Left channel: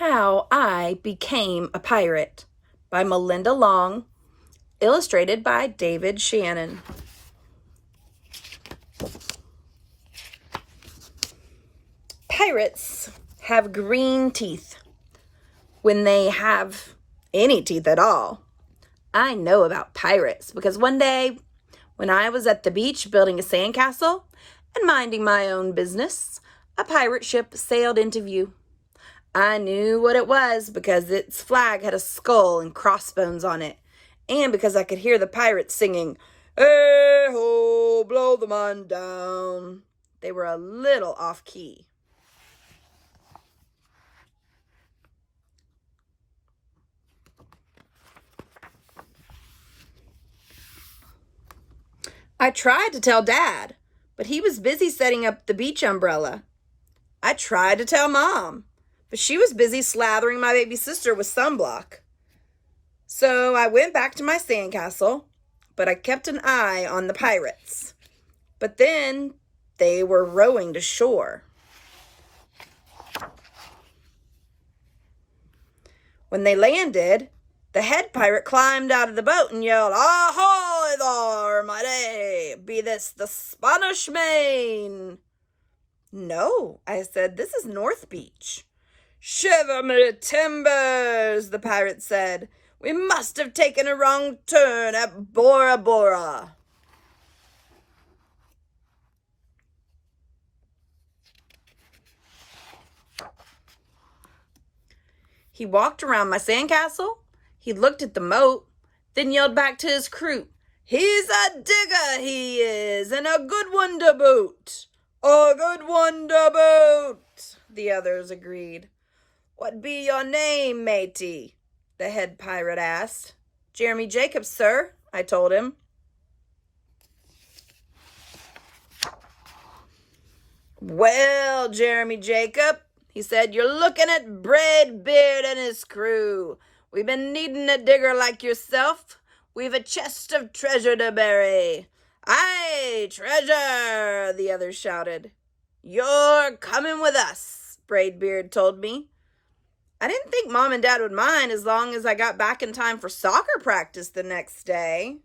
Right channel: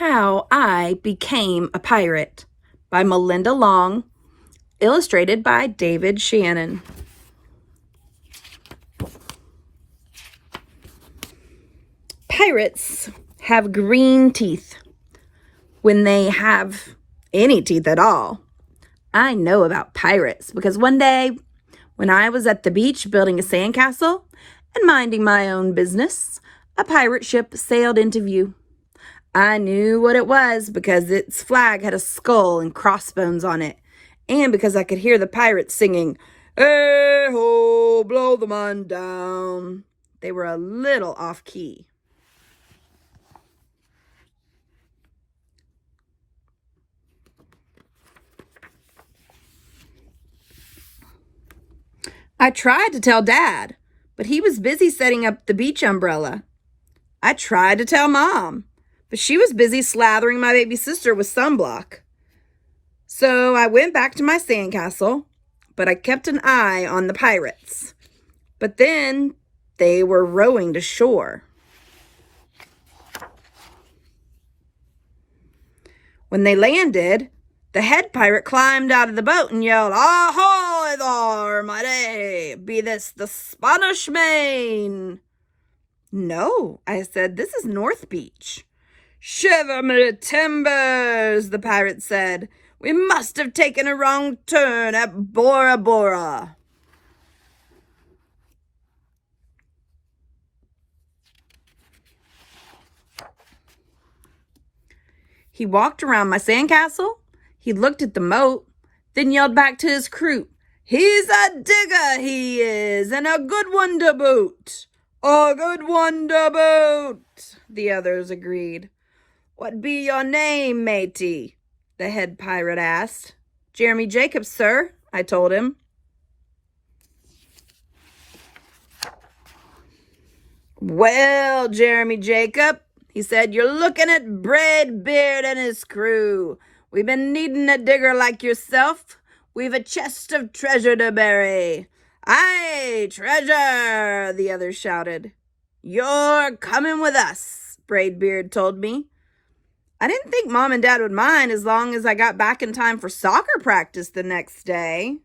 How I Became a Pirate by Melinda Long, illustrated by David Shannon. Pirates have green teeth when they have any teeth at all. I know about pirates because one day when I was at the beach building a sandcastle and minding my own business, a pirate ship sailed into view. I knew what it was because its flag had a skull and crossbones on it, and because I could hear the pirates singing, "Hey ho, blow the man down." They were a little off key. I tried to tell Dad, but he was busy setting up the beach umbrella. I tried to tell Mom, but she was busy slathering my baby sister with sunblock. So I went back to my sandcastle, but I kept an eye on the pirates. But then they were rowing to shore. When they landed, the head pirate climbed out of the boat and yelled, "Ahoy there, matey! Be this the Spanish Main?" "No," I said, "this is North Beach." "Shiver me timbers," the pirate said. "We must have taken a wrong turn at Bora Bora." He walked around my sandcastle, he looked at the moat, then yelled back to his crew, "He's a digger, he is, and a good one to boot." "A good one to boot," the others agreed. "What be your name, matey?" the head pirate asked. "Jeremy Jacobs, sir," I told him. "Well, Jeremy Jacob," he said, "you're looking at Braidbeard and his crew. We've been needing a digger like yourself. We've a chest of treasure to bury." "Aye, treasure," the others shouted. "You're coming with us," Braidbeard told me. I didn't think Mom and Dad would mind as long as I got back in time for soccer practice the next day.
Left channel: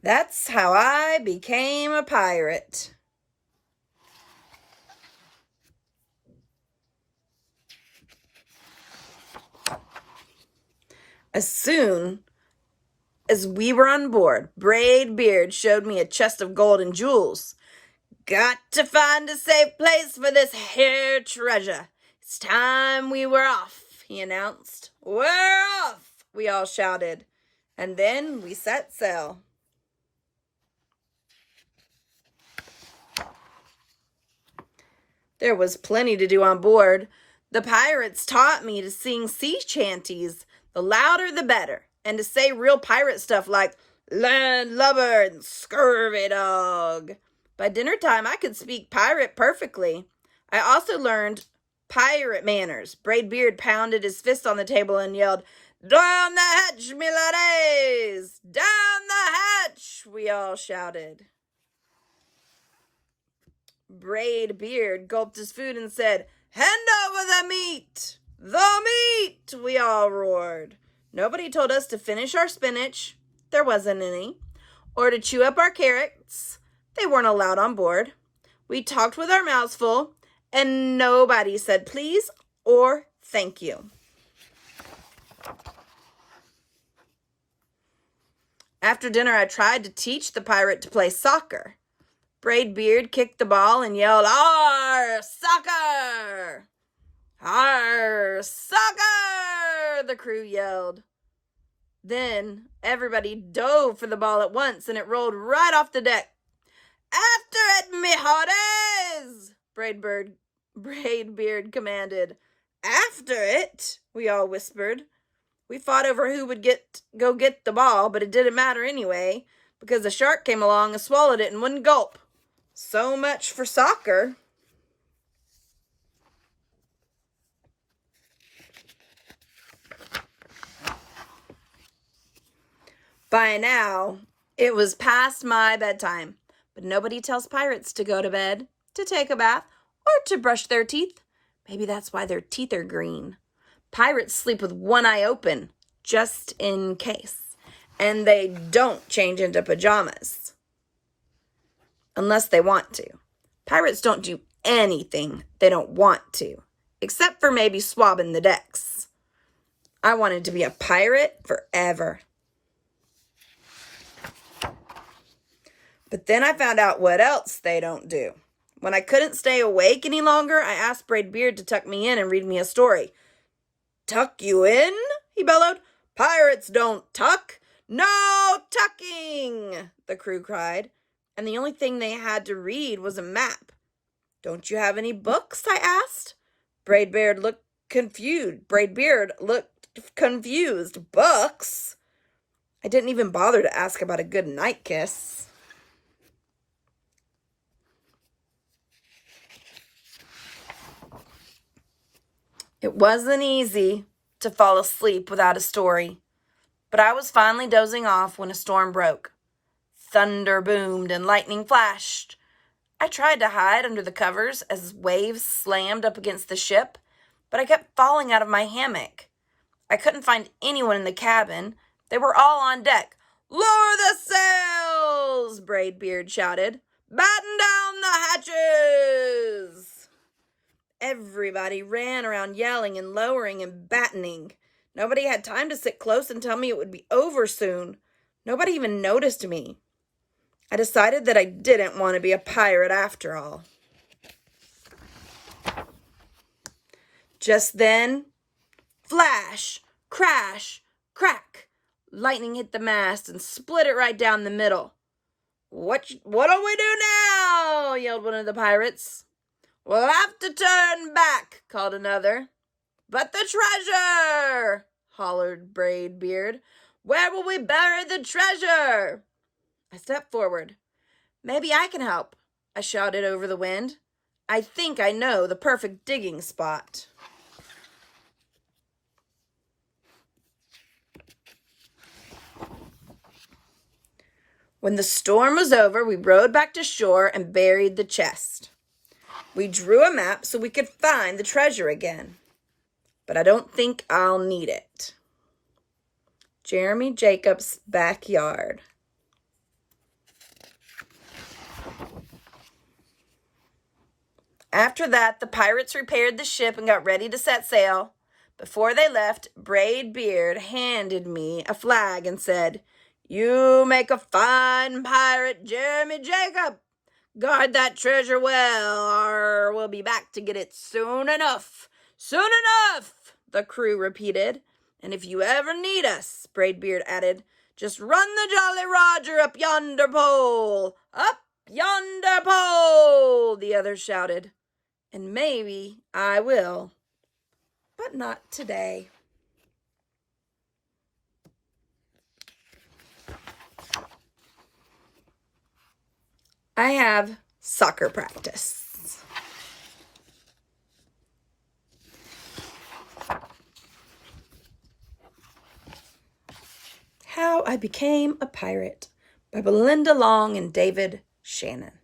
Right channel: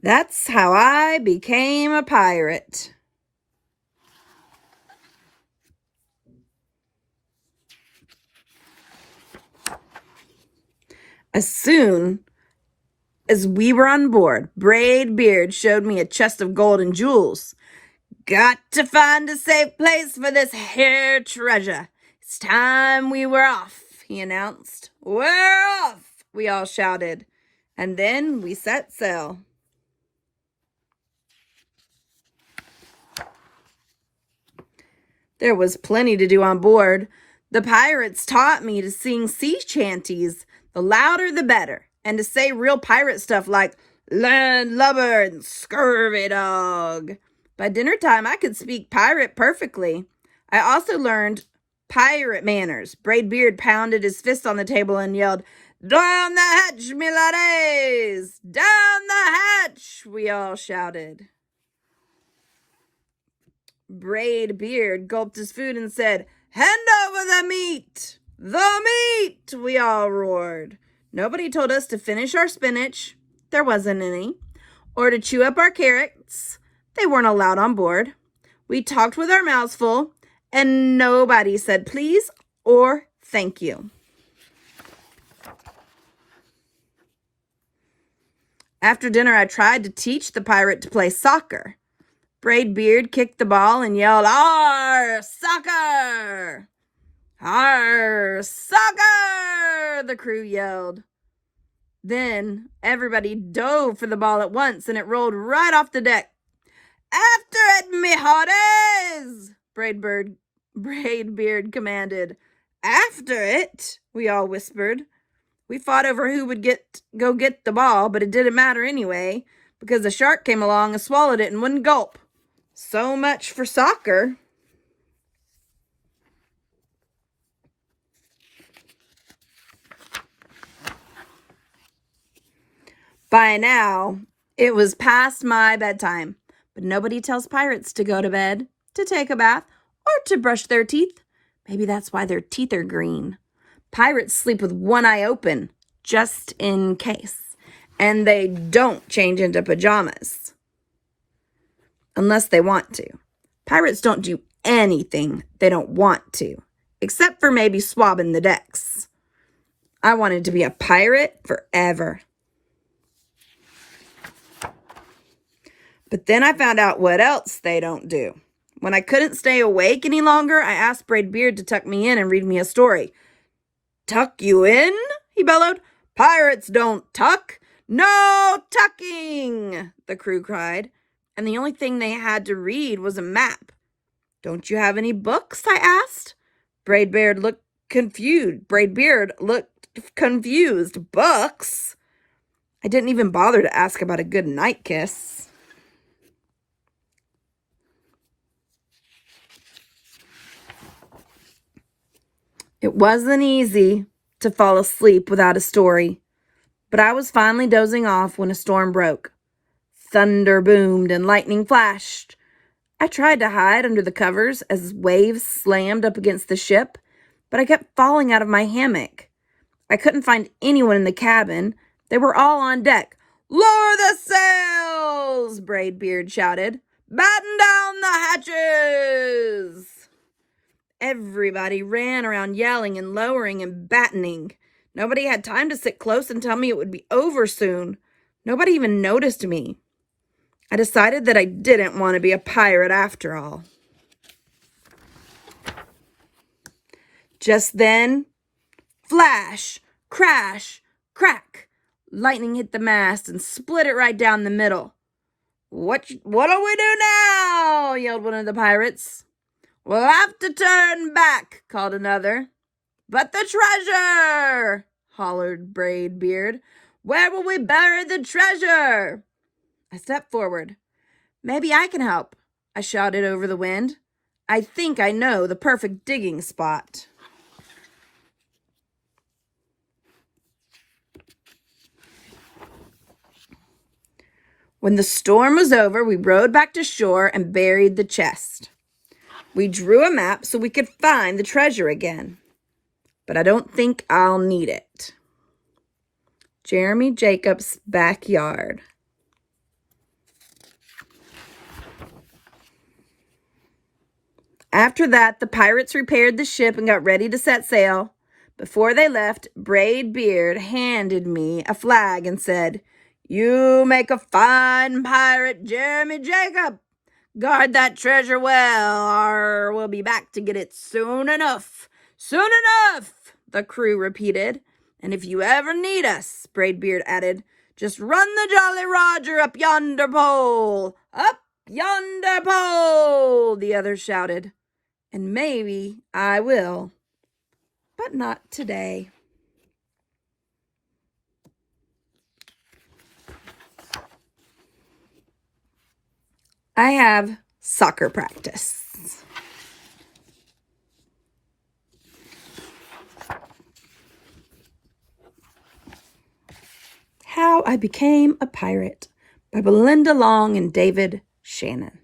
That's how I became a pirate. As soon as we were on board, Braidbeard showed me a chest of gold and jewels. "Got to find a safe place for this here treasure. It's time we were off," he announced. "We're off," we all shouted. And then we set sail. There was plenty to do on board. The pirates taught me to sing sea chanties, the louder the better, and to say real pirate stuff like "landlubber" and "scurvy dog." By dinner time, I could speak pirate perfectly. I also learned pirate manners. Braidbeard pounded his fist on the table and yelled, "Down the hatch, me laddies! Down the hatch!" we all shouted. Braidbeard gulped his food and said, "Hand over the meat! The meat!" we all roared. Nobody told us to finish our spinach. There wasn't any. Or to chew up our carrots. They weren't allowed on board. We talked with our mouths full, and nobody said please or thank you. After dinner, I tried to teach the pirate to play soccer. Braidbeard kicked the ball and yelled, "Arr, soccer! Arr, soccer!" the crew yelled. Then everybody dove for the ball at once, and it rolled right off the deck. "After it, me hearties!" Braidbeard commanded. "After it?" we all whispered. We fought over who would go get the ball, but it didn't matter anyway, because a shark came along and swallowed it in one gulp. So much for soccer. By now, It was past my bedtime, but nobody tells pirates to go to bed, to take a bath, or to brush their teeth. Maybe that's why their teeth are green. Pirates sleep with one eye open, just in case. And they don't change into pajamas. Unless they want to. Pirates don't do anything they don't want to, except for maybe swabbing the decks. I wanted to be a pirate forever. But then I found out what else they don't do. When I couldn't stay awake any longer, I asked Braidbeard to tuck me in and read me a story. "Tuck you in?" he bellowed. "Pirates don't tuck. No tucking!" the crew cried. And the only thing they had to read was a map. "Don't you have any books?" I asked. Braidbeard looked confused. Books? I didn't even bother to ask about a good night kiss. It wasn't easy to fall asleep without a story, but I was finally dozing off when a storm broke. Thunder boomed and lightning flashed. I tried to hide under the covers as waves slammed up against the ship, but I kept falling out of my hammock. I couldn't find anyone in the cabin. They were all on deck. "Lower the sails!" Braidbeard shouted. "Batten down the hatches!" Everybody ran around yelling and lowering and battening. Nobody had time to sit close and tell me it would be over soon. Nobody even noticed me. I decided that I didn't want to be a pirate after all. Just then, flash, crash, crack. Lightning hit the mast and split it right down the middle. What do we do now?" yelled one of the pirates. "We'll have to turn back," called another. "But the treasure!" hollered Braidbeard. "Where will we bury the treasure?" I stepped forward. "Maybe I can help," I shouted over the wind. "I think I know the perfect digging spot." When the storm was over, we rowed back to shore and buried the chest. We drew a map so we could find the treasure again. But I don't think I'll need it. Jeremy Jacobs' backyard. After that, the pirates repaired the ship and got ready to set sail. Before they left, Braidbeard handed me a flag and said, "You make a fine pirate, Jeremy Jacob. Guard that treasure well, or we'll be back to get it soon enough." "Soon enough," the crew repeated. "And if you ever need us," Braidbeard added, "just run the Jolly Roger up yonder pole." "Up yonder pole," the others shouted. And maybe I will, but not today. I have soccer practice. How I Became a Pirate by Belinda Long and David Shannon.